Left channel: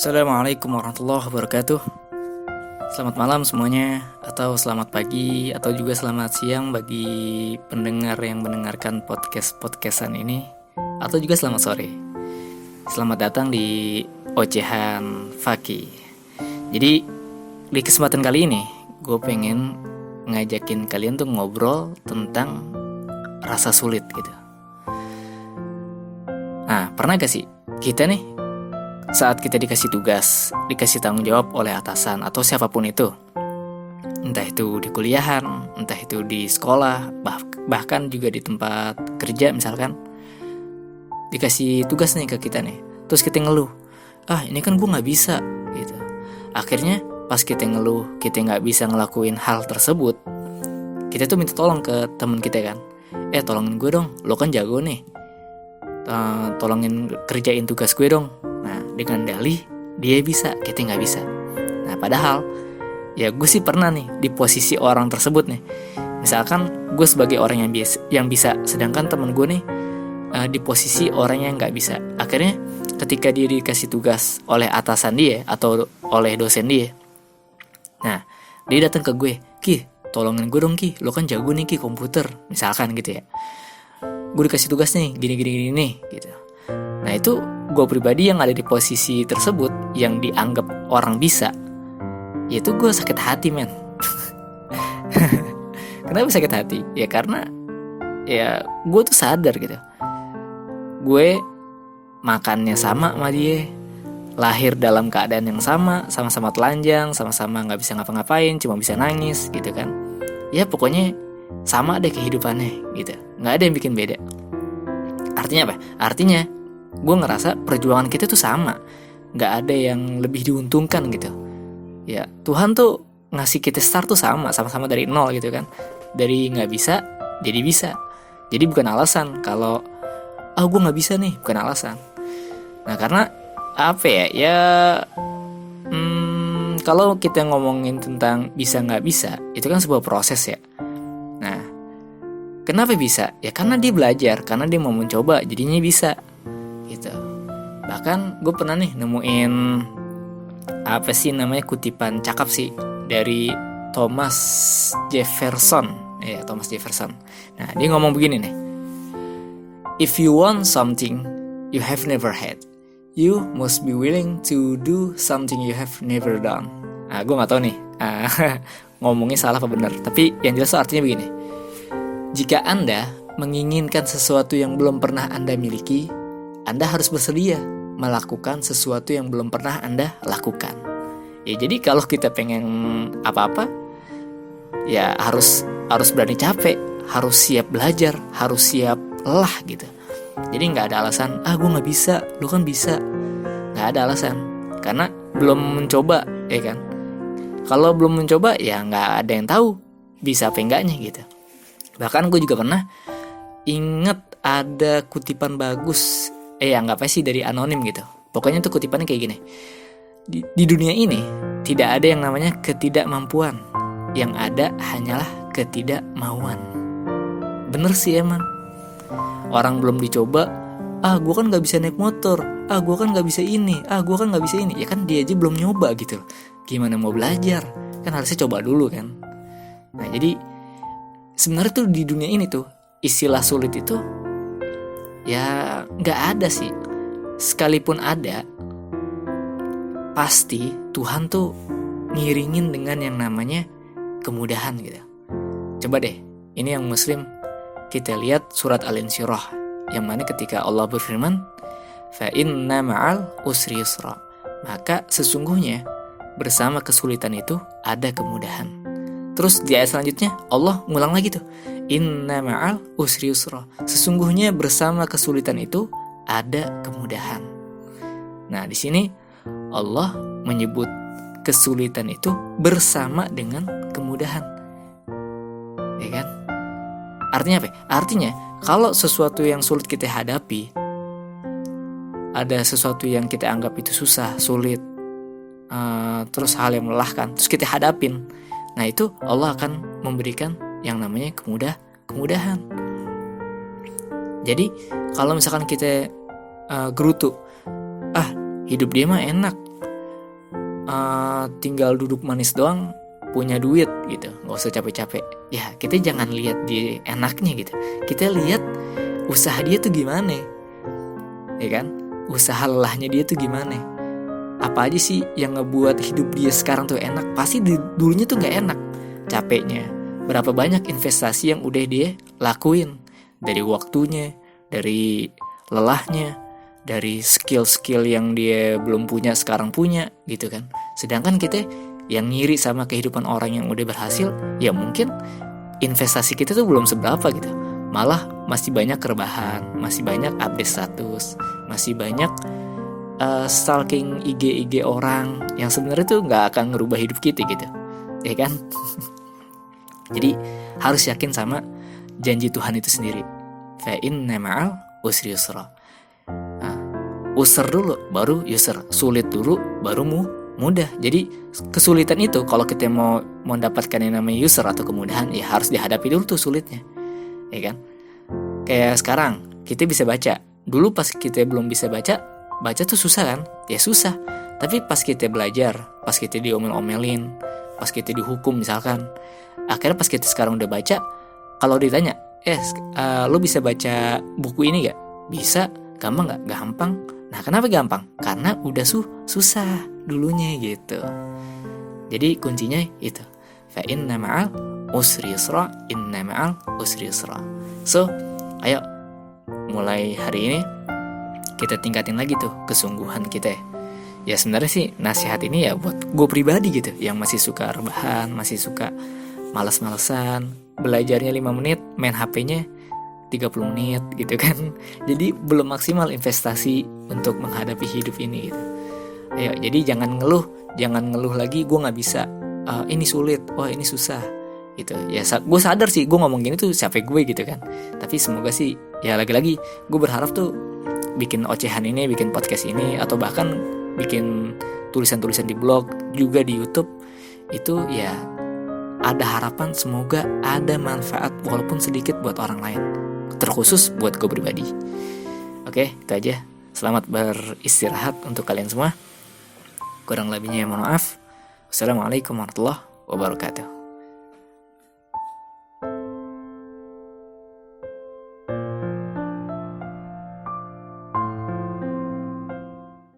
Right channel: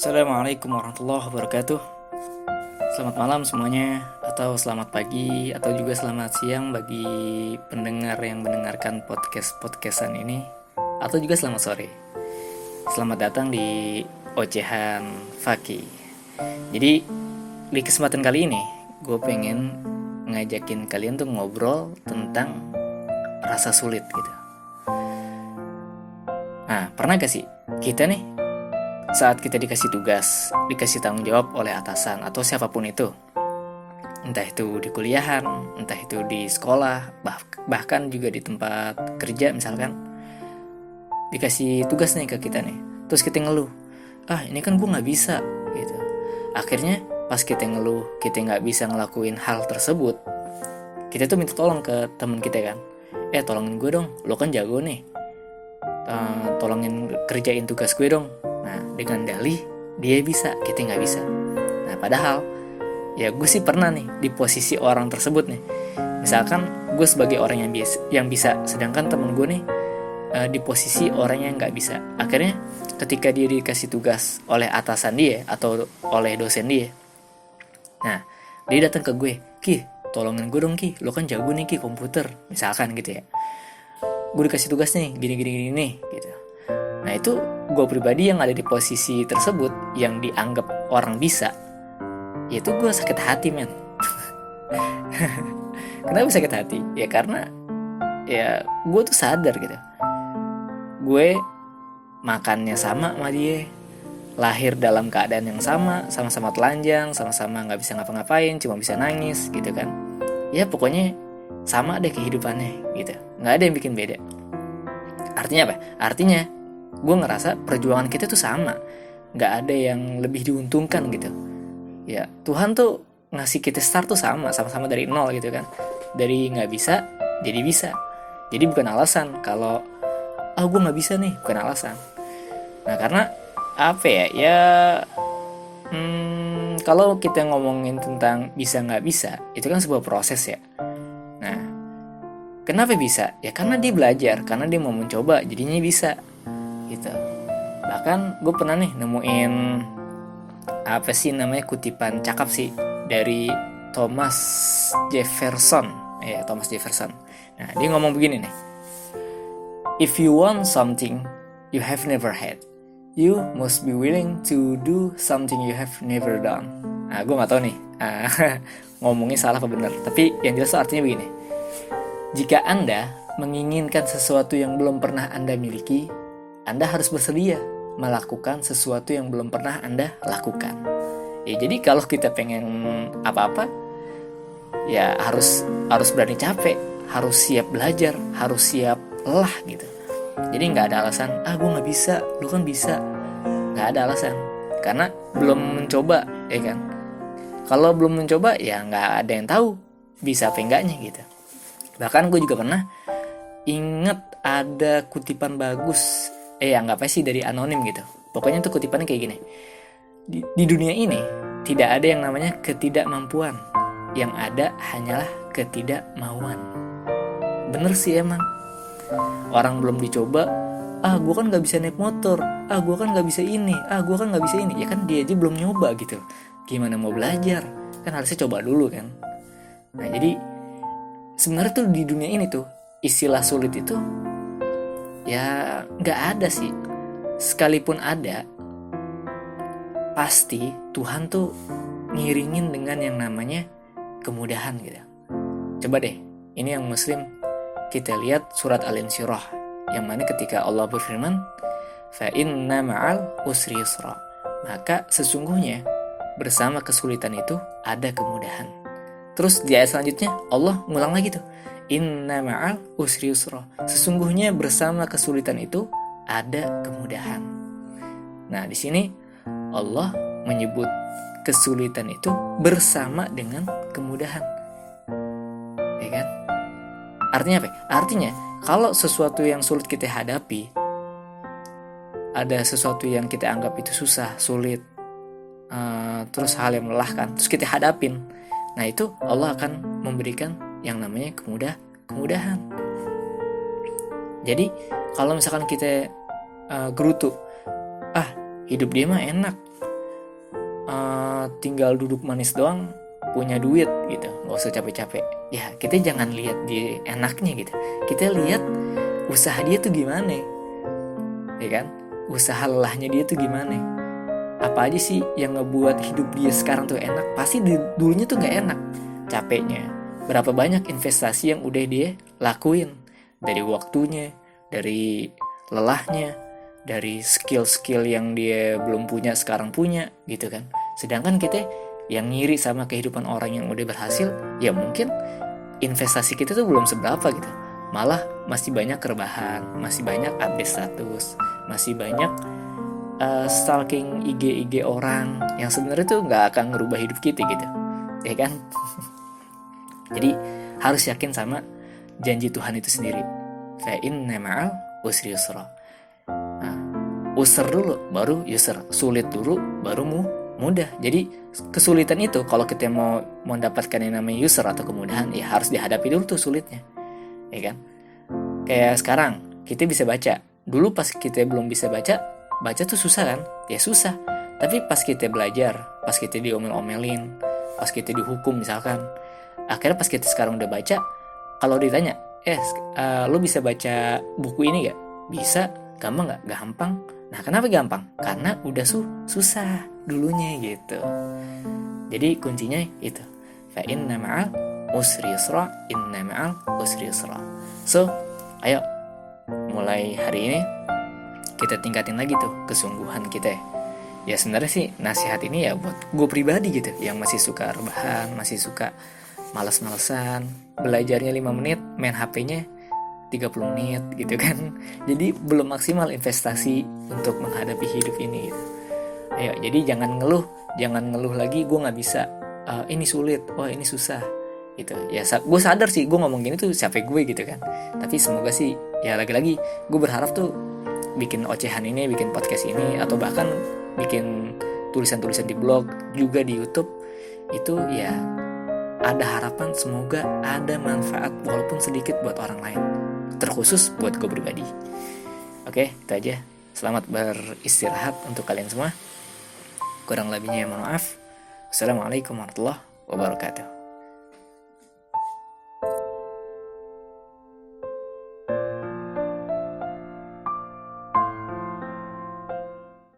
Assalamualaikum warahmatullahi wabarakatuh. Selamat malam semuanya, atau selamat pagi, atau juga selamat siang bagi pendengar yang mendengarkan podcastan ini, atau juga selamat sore. Selamat datang di Ocehan Faki. Jadi di kesempatan kali ini, gue pengen ngajakin kalian tuh ngobrol tentang rasa sulit gitu. Nah, pernah gak sih kita nih saat kita dikasih tugas, dikasih tanggung jawab oleh atasan atau siapapun itu, entah itu di kuliahan, entah itu di sekolah, bahkan juga di tempat kerja misalkan, dikasih tugas nih ke kita nih, terus kita ngeluh, ini kan gue nggak bisa, gitu. Akhirnya pas kita ngeluh, kita nggak bisa ngelakuin hal tersebut, kita tuh minta tolong ke temen kita kan, tolongin gue dong, lo kan jago nih, tolongin kerjain tugas gue dong. Nah, dengan dalih dia bisa, kita nggak bisa. Nah, padahal ya gue sih pernah nih di posisi orang tersebut nih. Misalkan gue sebagai orang yang bisa, sedangkan temen gue nih di posisi orang yang nggak bisa. Akhirnya ketika dia dikasih tugas oleh atasan dia atau oleh dosen dia, nah dia datang ke gue, Ki, tolongin gue dong Ki, lo kan jago nih Ki komputer, misalkan gitu ya. Gue dikasih tugas nih, gini nih, gitu. Nah itu gue pribadi yang ada di posisi tersebut, yang dianggap orang bisa, yaitu gue sakit hati men. Kenapa sakit hati? Ya karena ya gue tuh sadar gitu, gue makannya sama dia, lahir dalam keadaan yang sama-sama telanjang, sama-sama gak bisa ngapa-ngapain, cuma bisa nangis gitu kan. Ya pokoknya sama deh kehidupannya gitu, gak ada yang bikin beda. Artinya apa? Artinya gue ngerasa perjuangan kita tuh sama, gak ada yang lebih diuntungkan gitu. Ya Tuhan tuh ngasih kita start tuh sama-sama dari nol gitu kan. Dari gak bisa jadi bisa. Jadi bukan alasan kalau gue gak bisa nih, bukan alasan. Nah karena apa ya kalau kita ngomongin tentang bisa gak bisa, itu kan sebuah proses ya. Nah kenapa bisa? Ya karena dia belajar, karena dia mau mencoba, jadinya bisa gitu. Bahkan gue pernah nih nemuin kutipan cakep sih dari Thomas Jefferson. Nah dia ngomong begini nih, if you want something you have never had, you must be willing to do something you have never done. Nah gue nggak tahu nih ngomongnya salah apa benar, tapi yang jelas artinya begini, jika Anda menginginkan sesuatu yang belum pernah Anda miliki, Anda harus bersedia melakukan sesuatu yang belum pernah Anda lakukan. Ya jadi kalau kita pengen apa-apa, ya harus berani capek, harus siap belajar, harus siap lelah gitu. Jadi nggak ada alasan, gue nggak bisa, lu kan bisa. Nggak ada alasan, karena belum mencoba, ya kan. Kalau belum mencoba, ya nggak ada yang tahu bisa apa enggaknya gitu. Bahkan gue juga pernah inget ada kutipan bagus, anggap aja sih dari anonim gitu. Pokoknya tuh kutipannya kayak gini, di dunia ini tidak ada yang namanya ketidakmampuan, yang ada hanyalah ketidakmauan. Bener sih emang. Orang belum dicoba, gue kan gak bisa naik motor, gue kan gak bisa ini, gue kan gak bisa ini. Ya kan dia aja belum nyoba gitu, gimana mau belajar? Kan harusnya coba dulu kan. Nah jadi sebenarnya tuh di dunia ini tuh istilah sulit itu ya gak ada sih. Sekalipun ada, pasti Tuhan tuh ngiringin dengan yang namanya kemudahan gitu. Coba deh, ini yang muslim, kita lihat surat Al-Insyirah, yang mana ketika Allah berfirman, fa inna ma'al usri yusra, maka sesungguhnya bersama kesulitan itu ada kemudahan. Terus di ayat selanjutnya Allah ngulang lagi tuh, inna ma'al usri yusra, sesungguhnya bersama kesulitan itu ada kemudahan. Nah di sini Allah menyebut kesulitan itu bersama dengan kemudahan, ya kan? Artinya apa? Artinya kalau sesuatu yang sulit kita hadapi, ada sesuatu yang kita anggap itu susah, sulit, terus hal yang melelahkan, terus kita hadapin, nah itu Allah akan memberikan yang namanya kemudahan. Jadi kalau misalkan kita gerutu, hidup dia mah enak, tinggal duduk manis doang, punya duit gitu, nggak usah capek-capek. Ya kita jangan lihat dia enaknya gitu, kita lihat usaha dia tuh gimana, ya kan? Usaha lelahnya dia tuh gimana? Apa aja sih yang ngebuat hidup dia sekarang tuh enak? Pasti dulunya tuh nggak enak, capeknya. Berapa banyak investasi yang udah dia lakuin, dari waktunya, dari lelahnya, dari skill-skill yang dia belum punya sekarang punya gitu kan. Sedangkan kita yang ngiri sama kehidupan orang yang udah berhasil, ya mungkin investasi kita tuh belum seberapa gitu, malah masih banyak rebahan, masih banyak update status, masih banyak stalking IG orang yang sebenarnya tuh nggak akan ngerubah hidup kita gitu, ya kan? Jadi harus yakin sama janji Tuhan itu sendiri. Fa inna ma'al usri yusra. Nah, usr dulu baru yusr, sulit dulu baru mudah. Jadi kesulitan itu kalau kita mau mendapatkan yang namanya yusr atau kemudahan, ya harus dihadapi dulu tuh sulitnya, ya kan? Kayak sekarang kita bisa baca. Dulu pas kita belum bisa baca tuh susah kan? Ya susah. Tapi pas kita belajar, pas kita diomel-omelin, pas kita dihukum misalkan, akhirnya pas kita sekarang udah baca, kalau ditanya, lo bisa baca buku ini gak? Bisa. Gampang gak? Gampang. Nah kenapa gampang? Karena udah susah dulunya gitu. Jadi kuncinya itu, fa inna ma'al usri yusra, inna ma'al usri yusra. So ayo mulai hari ini kita tingkatin lagi tuh kesungguhan kita. Ya sebenarnya sih nasihat ini ya buat gue pribadi gitu, yang masih suka rebahan, masih suka malas-malesan, belajarnya 5 menit, main HP-nya 30 menit gitu kan. Jadi belum maksimal investasi untuk menghadapi hidup ini gitu. Ayo, jadi jangan ngeluh lagi gue nggak bisa, ini sulit, wah ini susah gitu. Ya gue sadar sih gue ngomong gini tuh siapa gue gitu kan. Tapi semoga sih ya lagi-lagi gue berharap tuh bikin ocehan ini, bikin podcast ini, atau bahkan bikin tulisan-tulisan di blog juga di YouTube itu ya ada harapan, semoga ada manfaat walaupun sedikit buat orang lain, terkhusus buat gue pribadi. Oke, itu aja. Selamat beristirahat untuk kalian semua. Kurang lebihnya mohon maaf. Wassalamualaikum warahmatullahi wabarakatuh.